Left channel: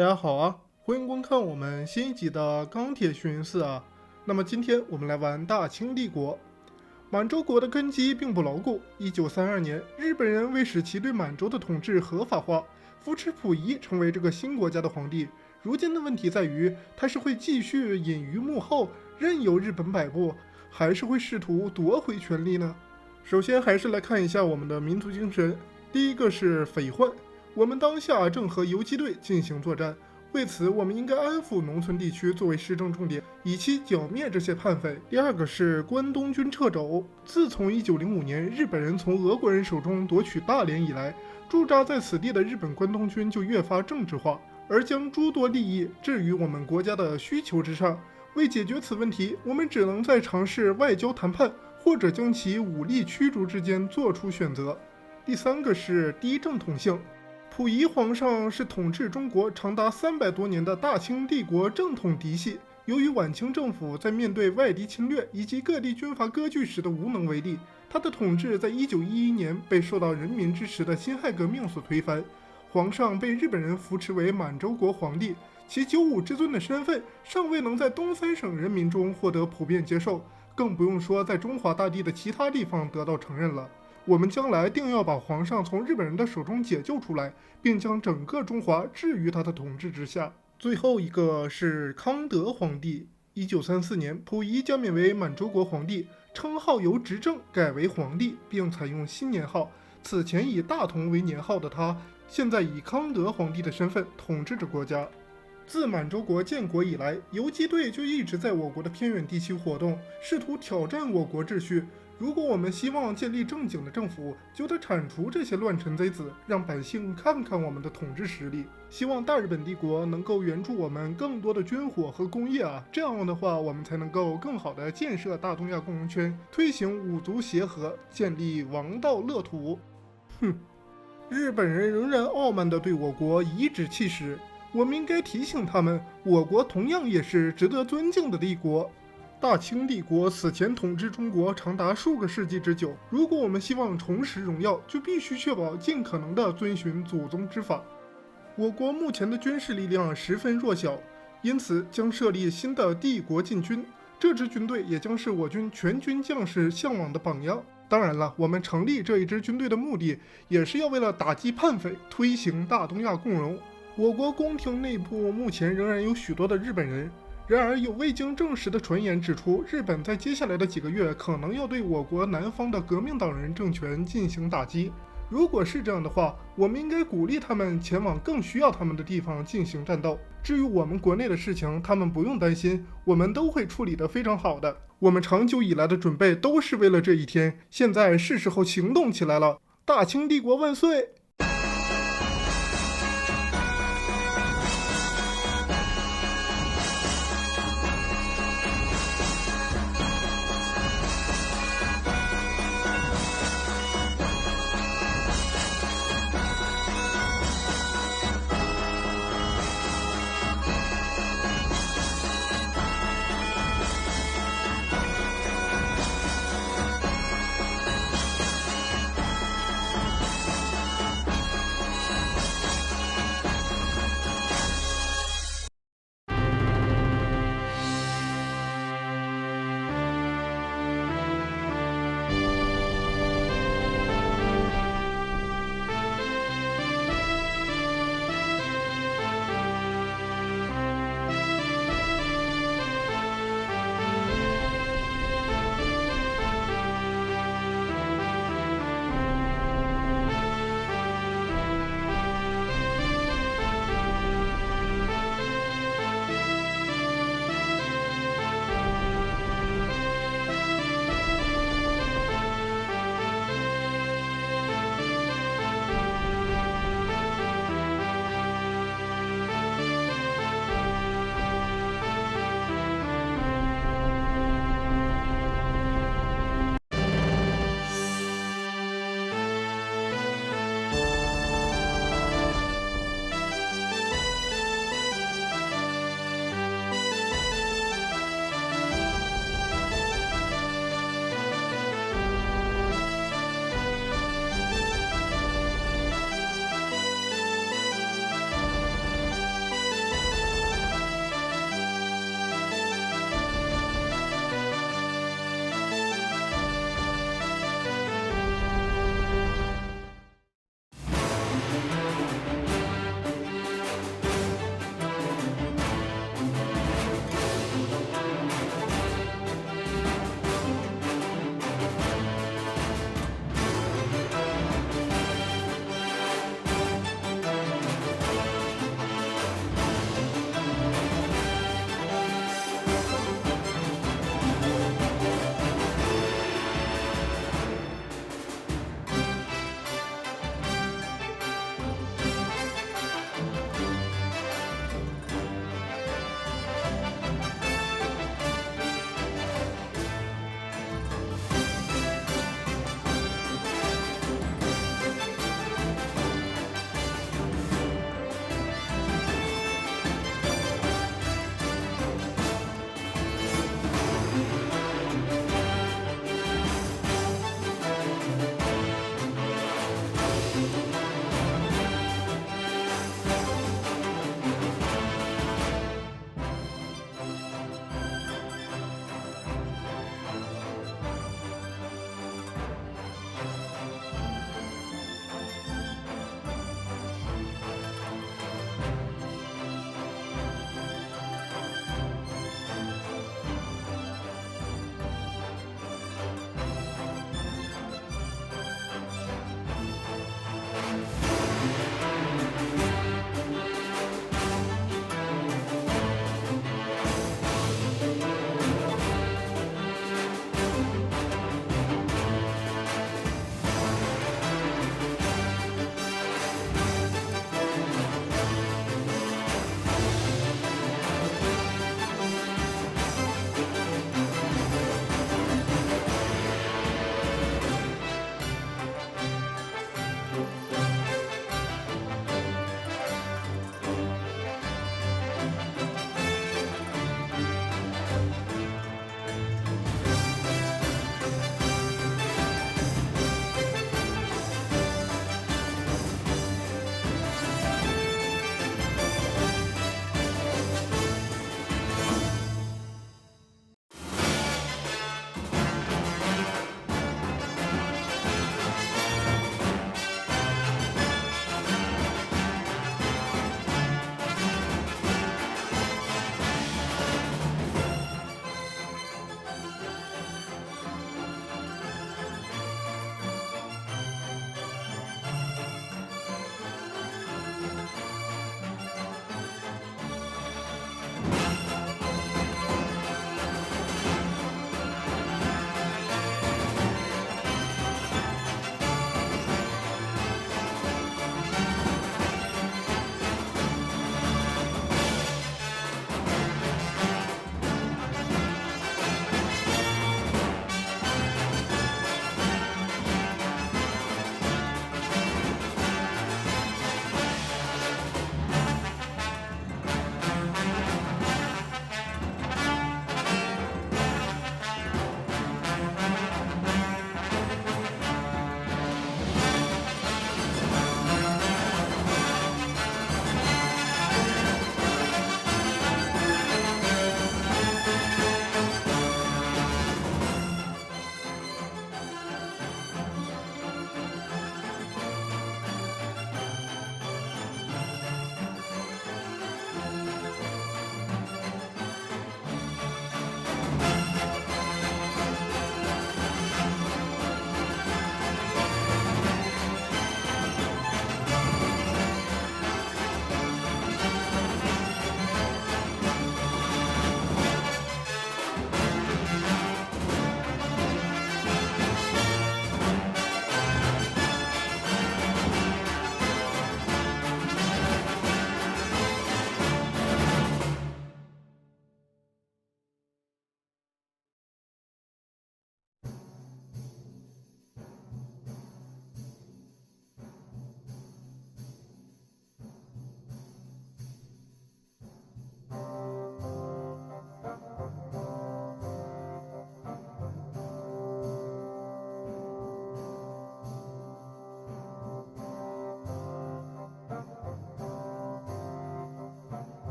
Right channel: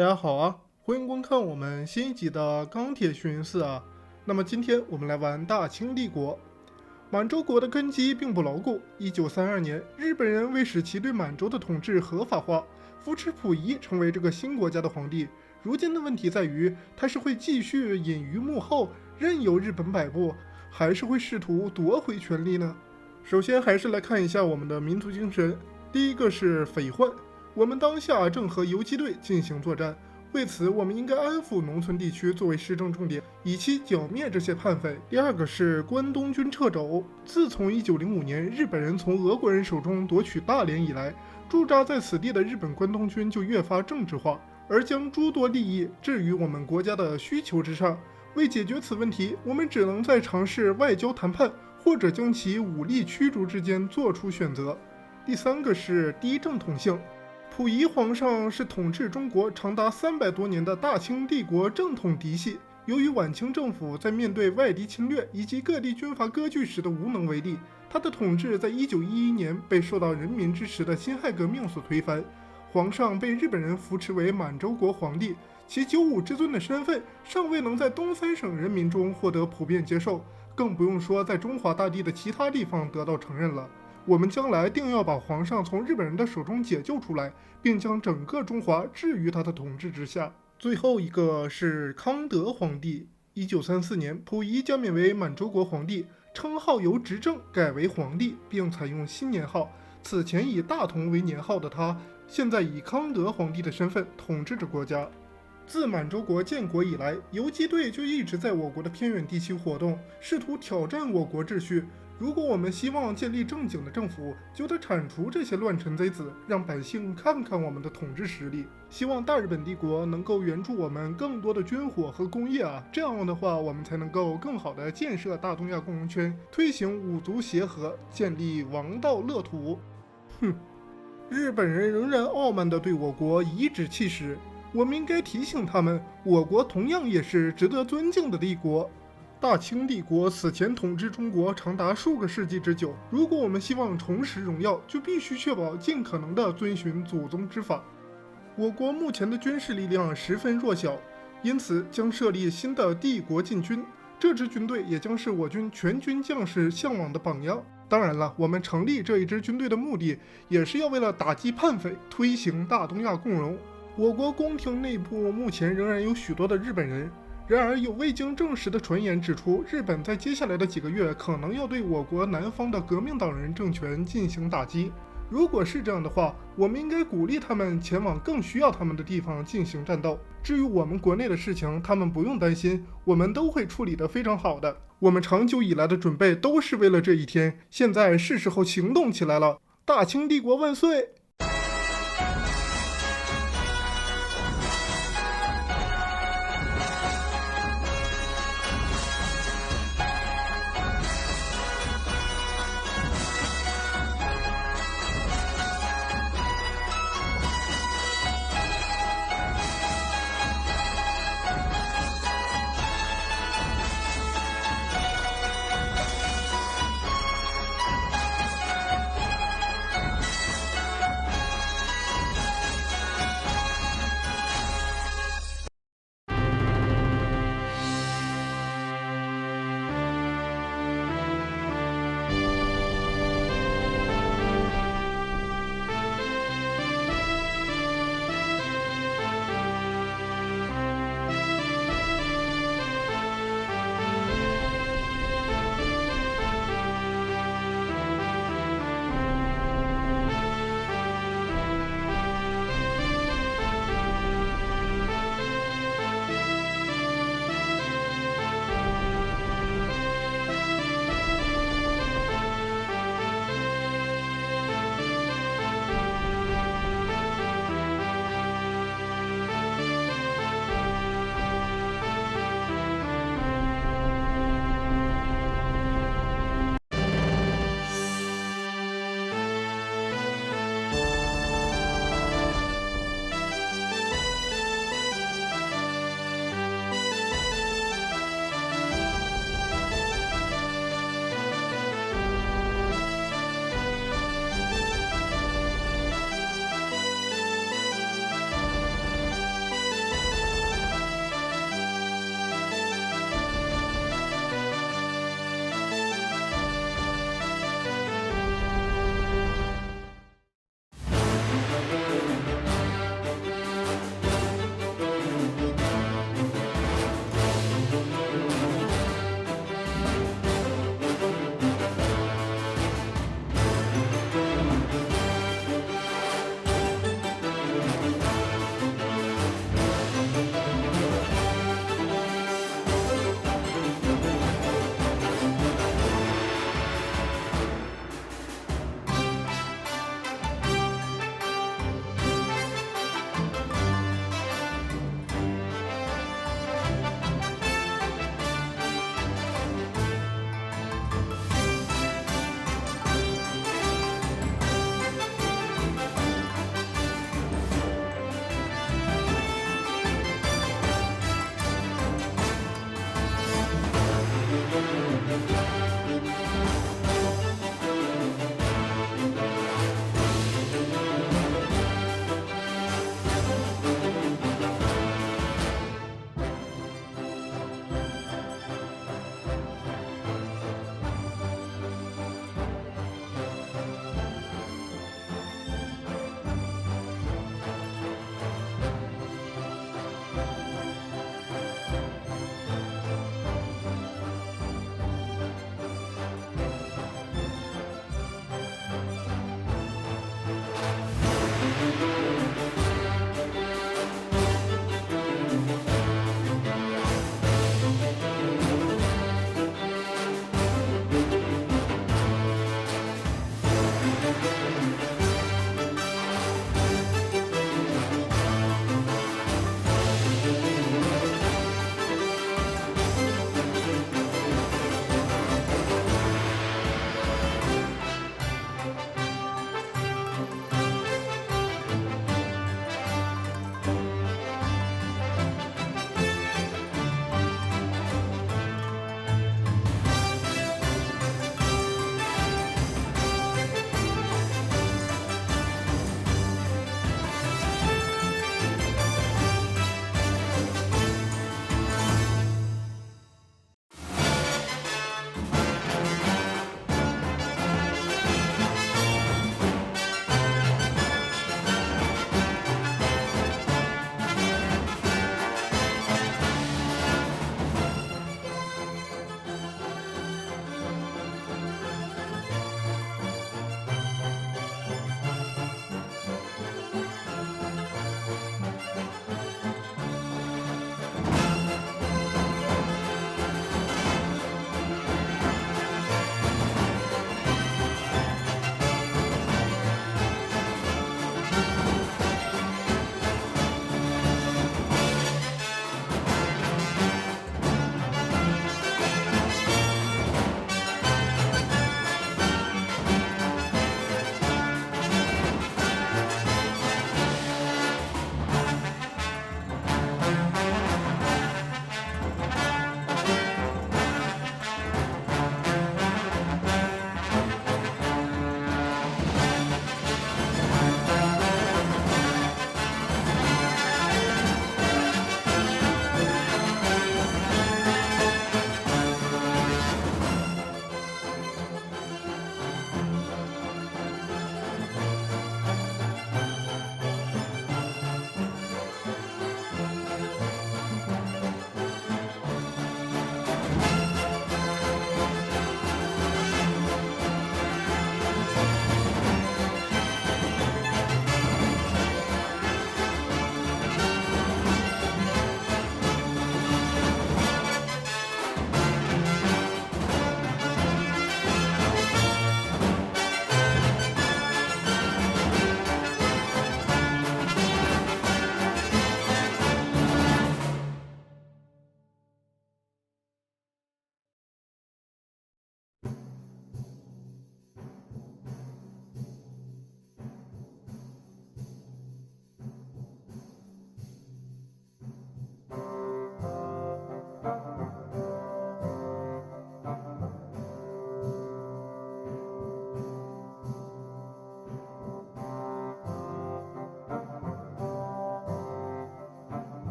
大家好啊，欢迎观看我们新一集的钢铁学院4啊。那么今天我们来玩大清帝国。满洲国的根基并不牢固。1932年，日本人为使其对满洲的统治合法化，扶持溥仪成为这个新国家的皇帝。如今的问题在于，他是会继续隐于幕后，任由日本摆布，还是会试图夺回权力呢？首先还是来看一下我们的民族精神。第一个是匪患。我们当下正和游击队进行作战，为此我们应该安抚农村地区作为施政重点，以期剿灭这些叛匪。第二个是关东军掣肘。自从1905年日本人从俄国人手中夺取大连以来，驻扎在此地的日本关东军就越发政治化，而将诸多利益置于我们国家的需求之上。为解决此问题，我们只能在尝试外交谈判或者将其武力驱逐之间做出选择。第三个是低正统性。溥仪皇上是统治中国长达300多年的大清帝国正统嫡系，由于晚清政府在面对外敌侵略以及各地军阀割据时的无能为力，他的统治在1911年被受到人民支持的辛亥革命所推翻。皇上被日本人扶持为满洲国皇帝，其九五之尊的身份尚未能在东三省人民中获得普遍接受，更不用说在中华大地的其他地方得到承认了。我们将来定要把皇上从日本人的手中解救出来，并将整个中华置于他的统治之下。最后一个是康德皇帝。1934年，溥仪加冕为满洲国皇帝，称号由执政改为皇帝，并采用新年号。此前以大同为年号的他，现在以康德皇帝的身份统治着国家。自满洲国建国以来，游击队就一直在我国的偏远地区活动，试图挑战我国秩序。如果我们希望建立正经的政府，就得铲除这些乱臣贼子，让百姓看看我们的统治实力。希望大日本帝国能够援助我们更多的军火和工业啊，这样的话我们才能够更好的建设大东亚共荣圈，推行五族协和，建立王道乐土。日本人仍然傲慢地对我国颐指气使，我们应该提醒他们，我国同样也是值得尊敬的帝国。大清帝国此前统治中国长达数个世纪之久，如果我们希望重拾荣耀，就必须确保尽可能地遵循祖宗之法。我国目前的军事力量十分弱小，因此将设立新的帝国禁军，这支军队也将是我军全军将士向往的榜样。当然了，我们成立这一支军队的目的，也是要为了打击叛匪，推行大东亚共荣。我国宫廷内部目前仍然有许多的日本人，然而有未经证实的传言指出，日本在接下来的几个月可能要对我国南方的革命党人政权进行打击。如果是这样的话，我们应该鼓励他们前往更需要他们的地方进行战斗。至于我们国内的事情，他们不用担心，我们都会处理得非常好的。我们长久以来的准备都是为了这一天，现在是时候行动起来了。大清帝国万岁！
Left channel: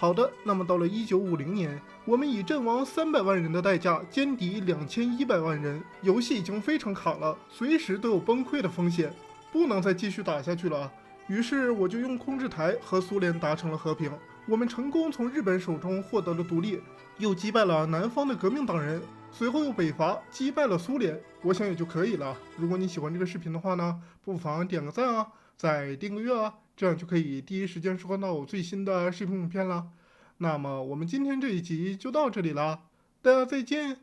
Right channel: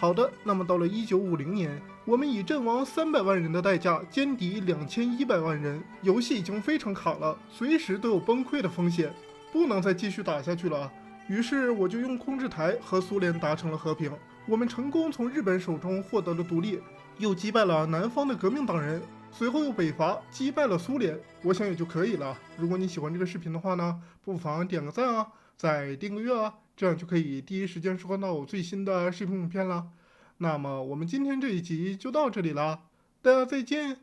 好的，那么到了1950年，我们以阵亡300万人的代价歼敌2100万人，游戏已经非常卡了，随时都有崩溃的风险，不能再继续打下去了。于是我就用控制台和苏联达成了和平，我们成功从日本手中获得了独立，又击败了南方的革命党人，随后又北伐击败了苏联，我想也就可以了。如果你喜欢这个视频的话呢，不妨点个赞啊，再订个阅啊，这样就可以第一时间收看到我最新的视频影片了。那么我们今天这一集就到这里了，大家再见。